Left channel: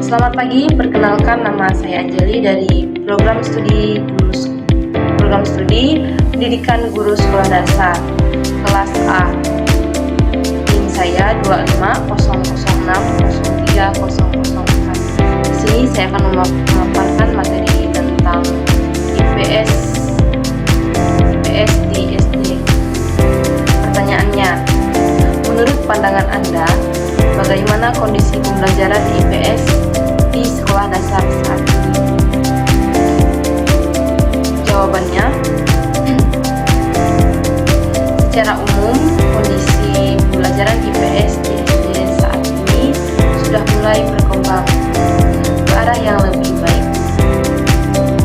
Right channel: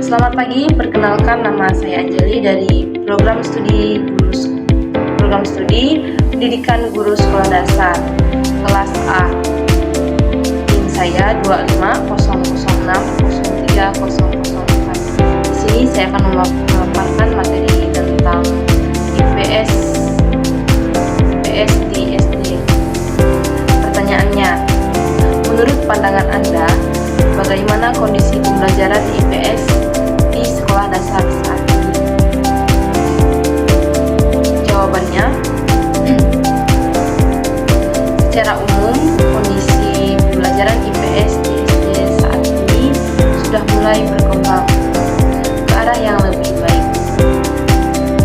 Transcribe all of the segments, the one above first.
Selamat pagi, perkenalkan nama saya Anjali dari program studi Pendidikan Guru Sekolah Dasar kelas A. NIM saya 25006030004. Di sini saya akan memaparkan materi tentang IPS di SD. Pertanyaannya, menurut pandangan Anda, bagaimana kondisi pembelajaran IPS di sekolah dasar saat ini? Jawabannya, secara umum kondisi pembelajaran IPS di SD saat ini sudah mulai berkembang ke arah yang lebih baik.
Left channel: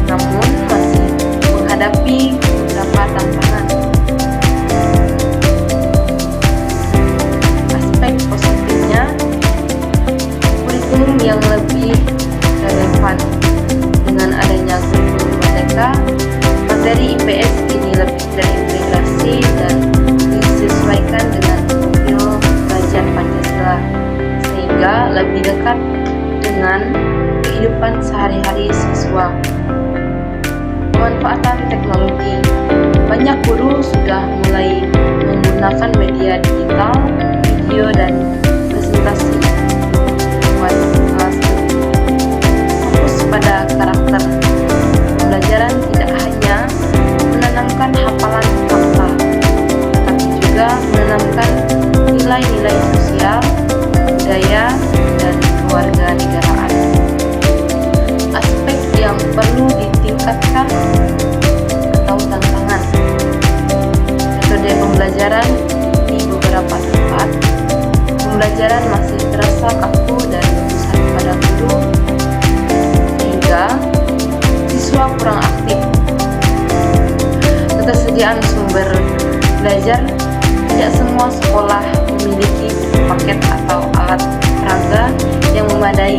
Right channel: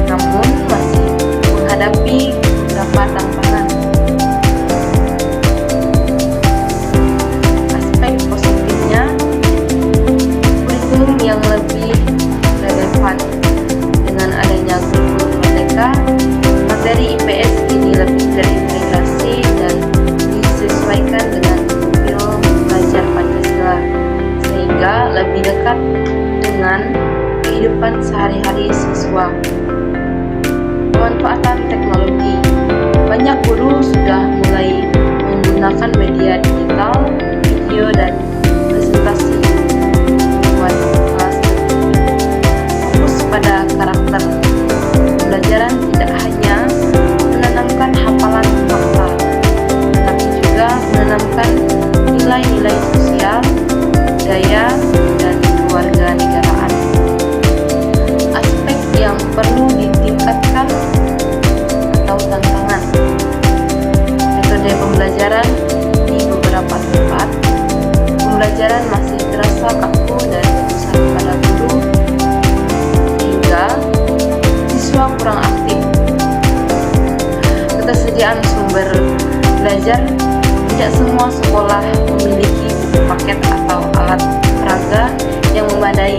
Namun masih menghadapi beberapa tantangan. Aspek positifnya, kurikulum yang lebih relevan. Dengan adanya kurikulum merdeka, materi IPS kini lebih terintegrasi dan disesuaikan dengan profil belajar Pancasila, sehingga lebih dekat dengan kehidupan sehari-hari siswa. Pemanfaatan teknologi, banyak guru sudah mulai menggunakan media digital, video, dan presentasi membuat kelas fokus pada karakter. Pembelajaran tidak hanya menanamkan hafalan fakta, tetapi juga menanamkan nilai-nilai sosial, budaya, dan kewarganegaraan. Aspek yang perlu ditingkatkan atau tantangan, metode pembelajaran di beberapa tempat, pembelajaran masih terasa kaku dan berpusat pada guru, sehingga siswa kurang aktif. Ketersediaan sumber belajar, tidak semua sekolah memiliki buku paket atau alat peraga yang memadai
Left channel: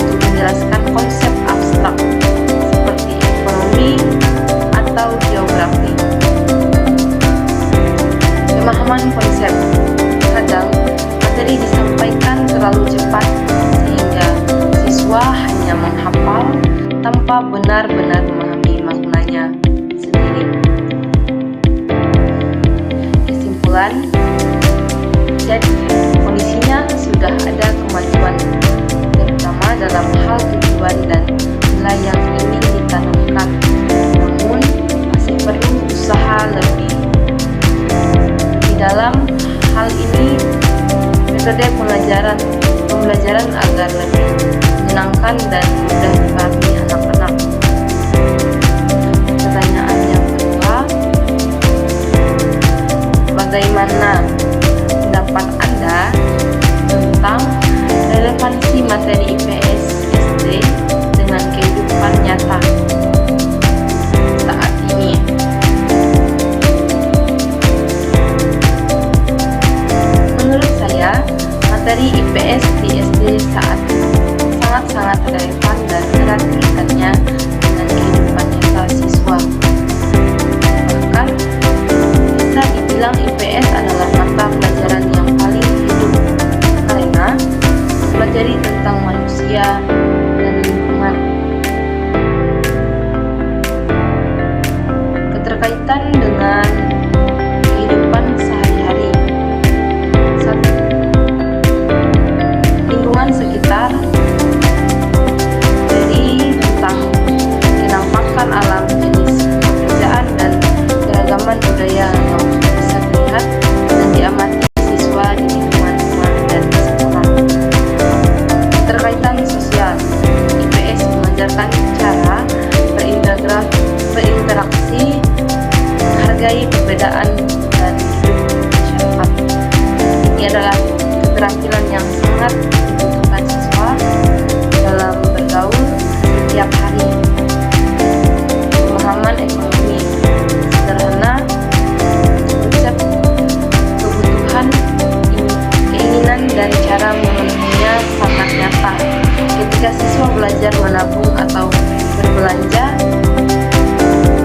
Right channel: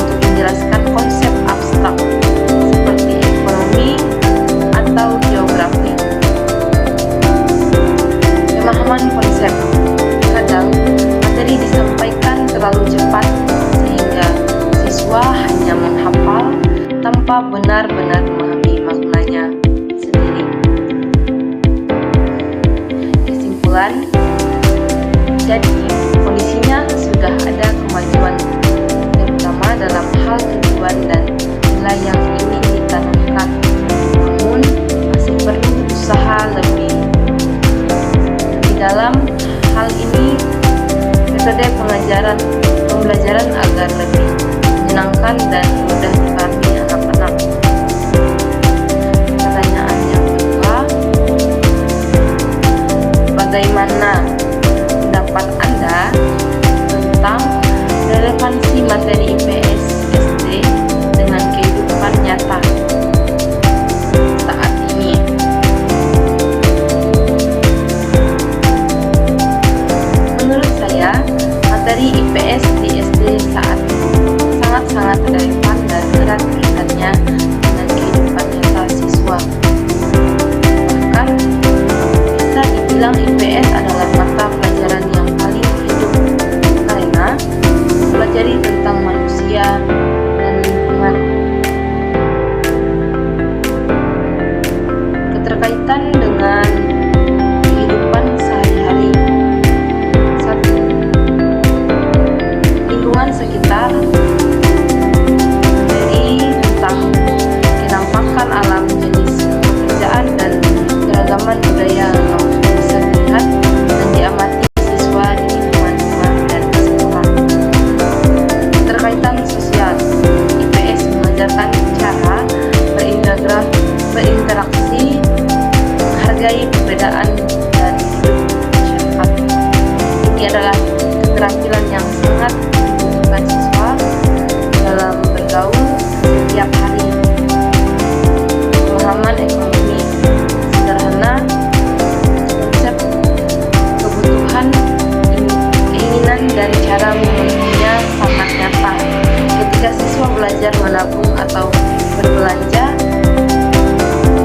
untuk menjelaskan konsep abstrak seperti ekonomi atau geografi. Pemahaman konsep, kadang materi disampaikan terlalu cepat sehingga siswa hanya menghafal tanpa benar-benar memahami maknanya sendiri. Kesimpulan, jadi kondisinya sudah ada kemajuan, terutama dalam hal tujuan dan nilai yang ingin ditanamkan. Namun masih perlu usaha lebih dalam hal ini. Metode pembelajaran agar lebih menyenangkan dan mudah dipahami anak-anak. Pertanyaan yang kedua, bagaimana pendapat Anda tentang relevansi materi IPS SD dengan kehidupan nyata saat ini? Menurut saya, materi IPS di SD saat sangat-sangat relevan dan erat kaitannya dengan kehidupan nyata siswa. Bahkan, bisa dibilang IPS adalah mata pelajaran yang paling hidup karena mempelajari tentang manusia dan lingkungan. Keterkaitan dengan kehidupan sehari-hari, lingkungan sekitar, dari tentang kenampakan alam, jenis pekerjaan, dan keragaman budaya yang bisa dilihat dan diamati siswa di lingkungan rumah dan sekolah. Keterkaitan sosial, IPS mengajarkan cara berinteraksi, menghargai perbedaan, dan hidup masyarakat. Ini adalah keterampilan yang sangat dibutuhkan siswa dalam bergaul setiap hari. Pemahaman ekonomi sederhana, konsep kebutuhan, keinginan, dan cara memenuhinya sangat nyata. Ketika siswa belajar menabung atau berbelanja,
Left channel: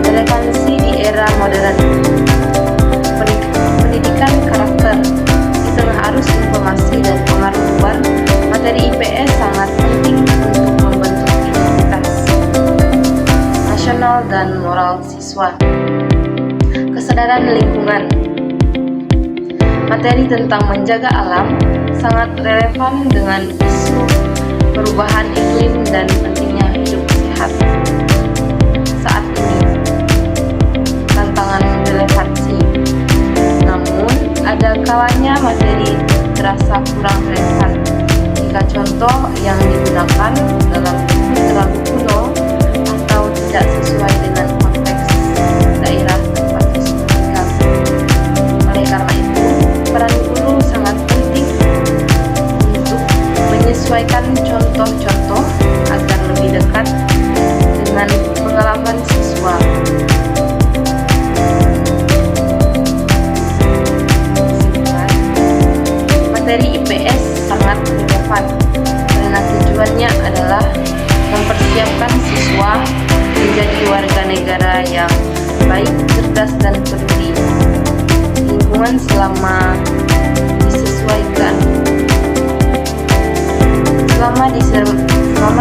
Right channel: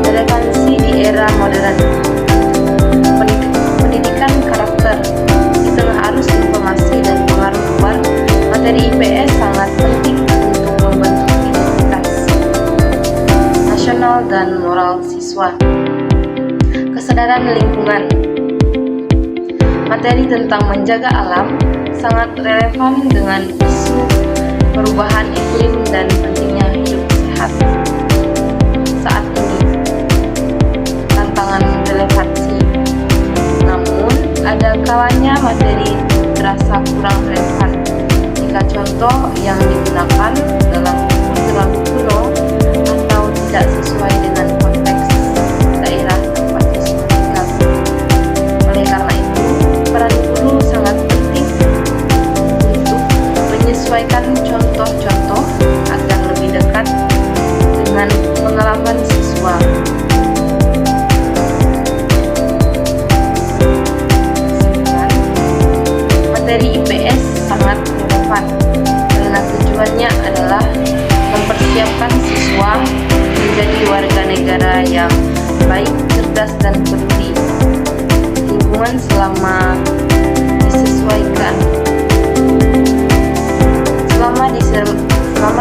relevansi di era modern. Pendidikan karakter di tengah arus informasi dan pengaruh luar, materi Materi IPS sangat penting untuk membentuk identitas nasional dan moral siswa. Kesadaran lingkungan. Materi tentang menjaga alam sangat relevan dengan isu perubahan iklim dan pentingnya hidup sehat saat ini. Tantangan relevansi. Namun, ada kalanya materi terasa kurang relevan jika contoh yang digunakan dalam buku terlalu kuno atau tidak sesuai dengan konteks daerah tempat siswa tinggal. Oleh karena itu, peran guru sangat penting untuk menyesuaikan contoh-contoh agar lebih dekat dengan pengalaman siswa. Kesimpulan, materi IPS sangat relevan karena tujuannya adalah mempersiapkan siswa menjadi warga negara yang baik, cerdas, dan peduli lingkungan selama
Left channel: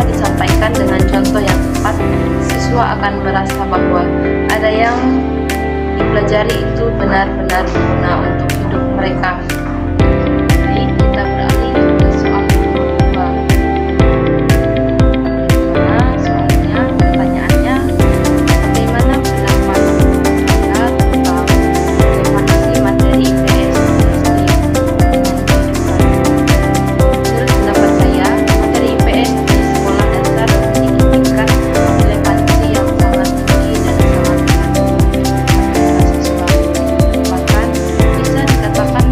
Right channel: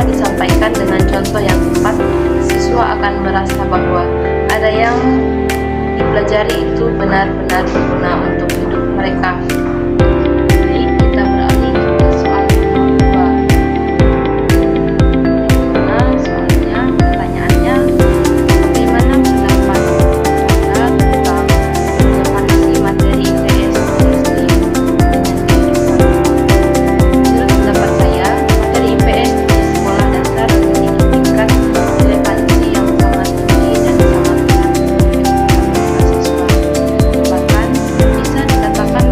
disampaikan dengan contoh yang tepat. Siswa akan merasa bahwa ada yang dipelajari itu benar-benar berguna untuk hidup mereka. Baik, kita beralih ke soal nomor 2. Bagaimana soalnya? Pertanyaannya, bagaimana pendapat Anda tentang relevansi materi IPS SD dengan kehidupan? Menurut pendapat saya, materi IPS di sekolah dasar memiliki tingkat relevansi yang sangat tinggi dan sangat berat untuk kehidupan siswa. Bahkan bisa dikatakan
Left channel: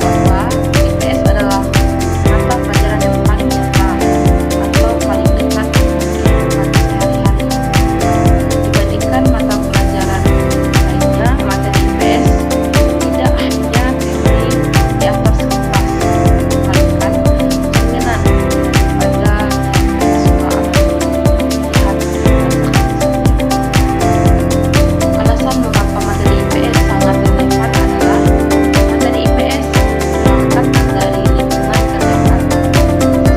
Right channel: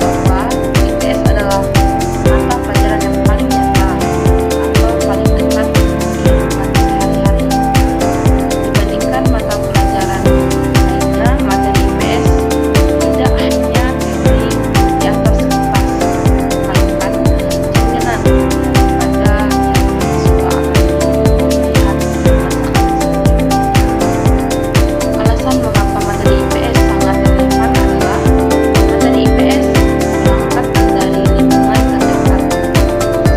bahwa IPS adalah mata pelajaran yang paling nyata atau paling dekat dengan kehidupan sehari-hari. Dibandingkan mata pelajaran lainnya, materi IPS tidak hanya teori di atas kertas, melainkan cerminan daripada yang siswa alami, lihat, rasakan sendiri. Alasan mengapa materi IPS sangat relevan adalah materi IPS berangkat dari lingkungan terdekat.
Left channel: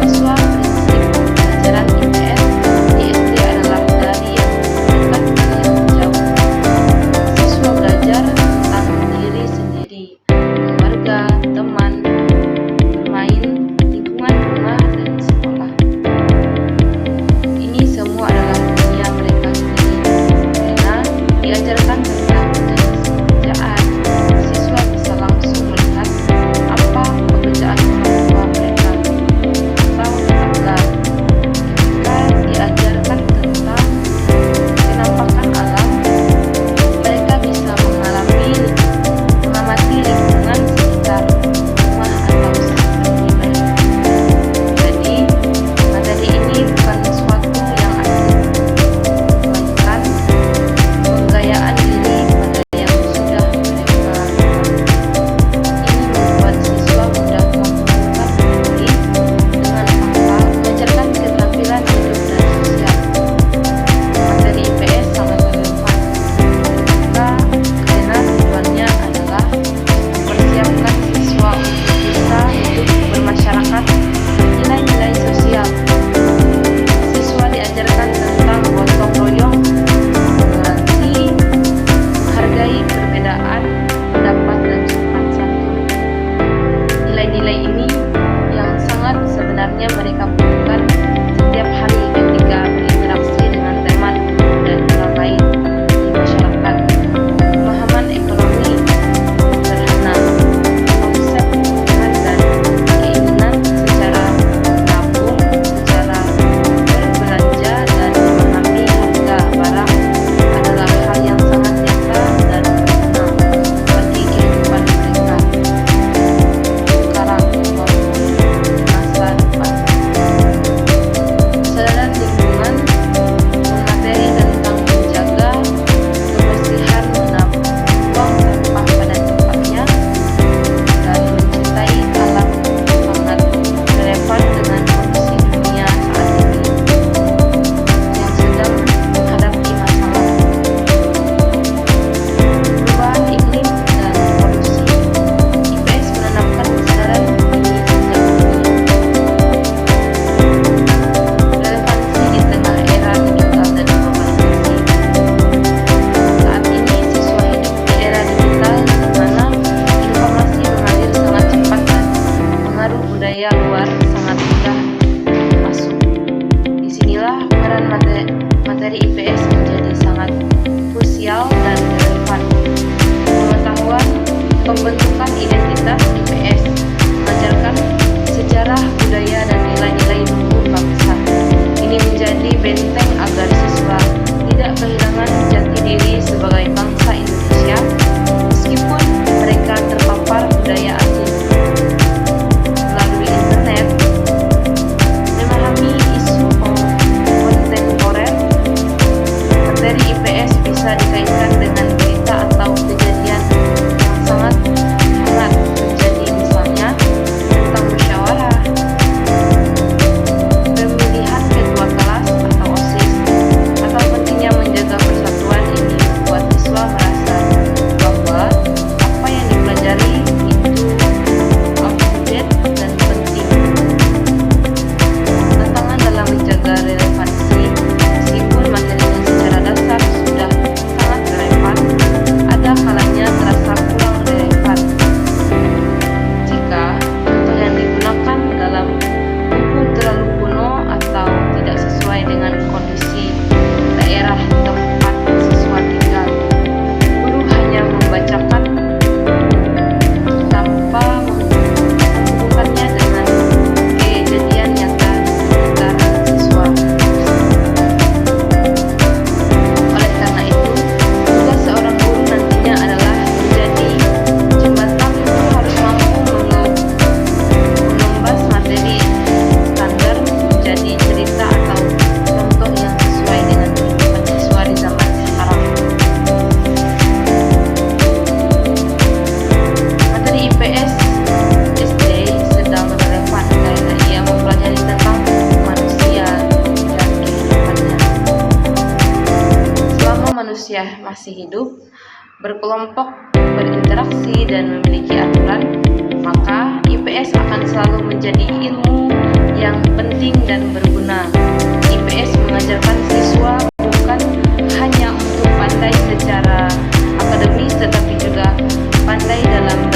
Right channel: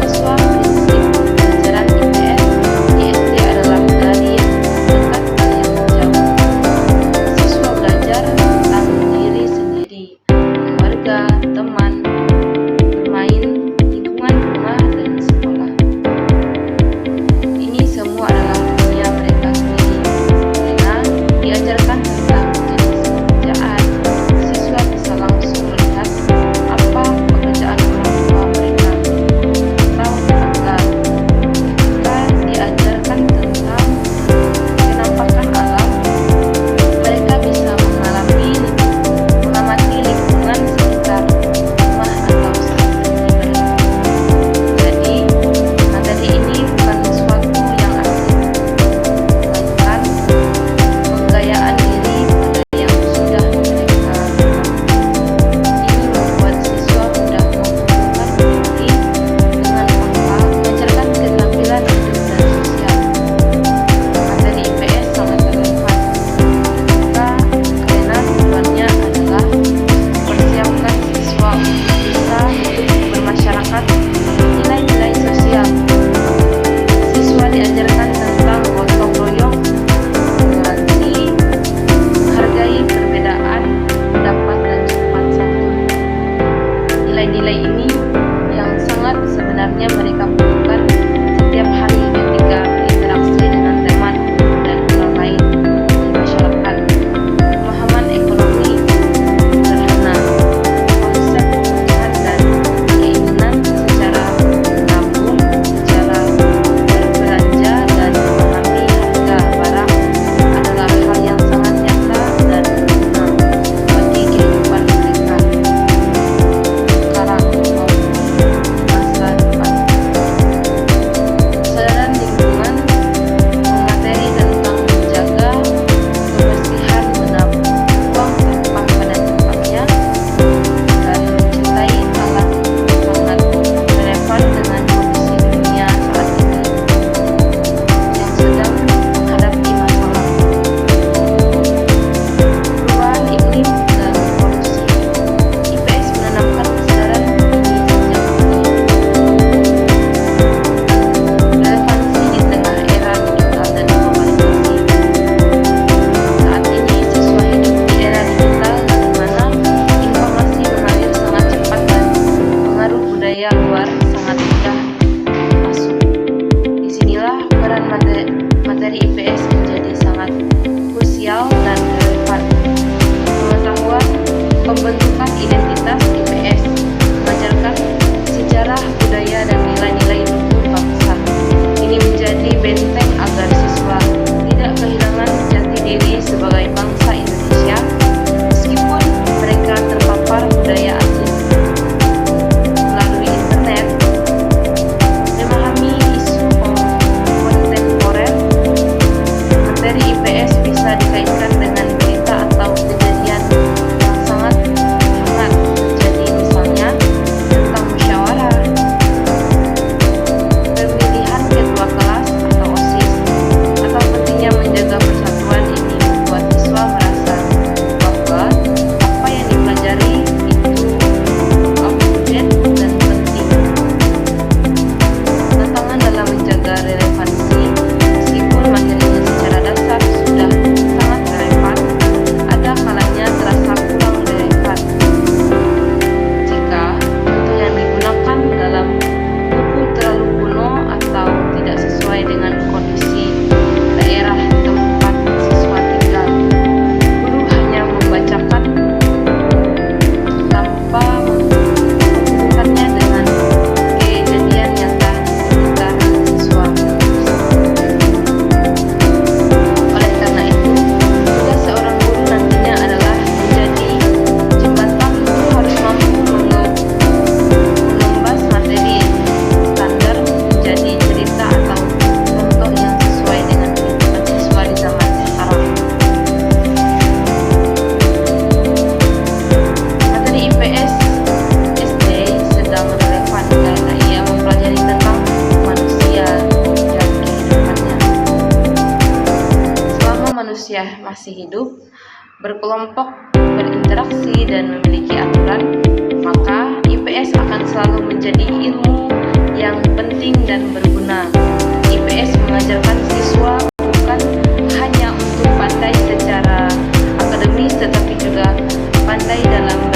Siswa prinsip pelajaran IPS di SD adalah dari yang dekat ke yang jauh. Siswa belajar tentang diri sendiri, keluarga, teman, bermain, lingkungan rumah, dan sekolah. Ini semua adalah dunia mereka sendiri. Karena diajarkan tentang jenis pekerjaan, siswa bisa langsung melihat apa pekerjaan orang tua mereka atau tetangga. Ketika diajarkan tentang penampakan alam, mereka bisa mengamati lingkungan sekitar rumah atau saat pergi berlibur. Jadi, materi ini bukan sesuatu yang asing, materi IPS menjadi sangat krusial dan relevan. Pengetahuan pembentukan identitas IPS mengajarkan sejarah, budaya, dan nilai-nilai luhur bangsa. Ini menjadi benteng agar siswa tidak kehilangan jati diri sebagai bangsa Indonesia meskipun mereka terpapar budaya asing. Melalui internet, memahami isu kontemporer, materi IPS bisa dikaitkan dengan berita atau kejadian yang sangat hangat terjadi, misalnya tentang musyawarah, pemilihan ketua kelas atau OSIS, atau pentingnya menjaga persatuan. Ini membuat siswa merasa bahwa apa yang dipelajari itu up-to-date dan penting. Tantangan dalam menjaga relevansi, meskipun materinya secara dasar sudah sangat relevan, ada kalanya terasa kurang relevan jika contoh yang digunakan dalam buku terlalu kuno atau tidak sesuai dengan kondisi daerah tempat siswa tinggal. Guru hanya membacakan tanpa menghubungkannya dengan kejadian nyata di sekitar siswa. Oleh karena itu, tugas seorang guru nantinya adalah menjadi jembatan. Guru harus mampu mengemas materi standar menjadi cerita atau contoh yang sesuai dengan kehidupan siswa di zaman sekarang. Materi IPS SD sedang relevan karena ia mempelajari tentang manusia dan kehidupannya. Selama manusia masih hidup, berkelompok, berinteraksi, dan memiliki aturan, maka IPS akan selalu menjadi ilmu yang penting dan berguna. IPS mengajarkan siswa bukan hanya untuk pandai secara akademis, tetapi juga pandai dalam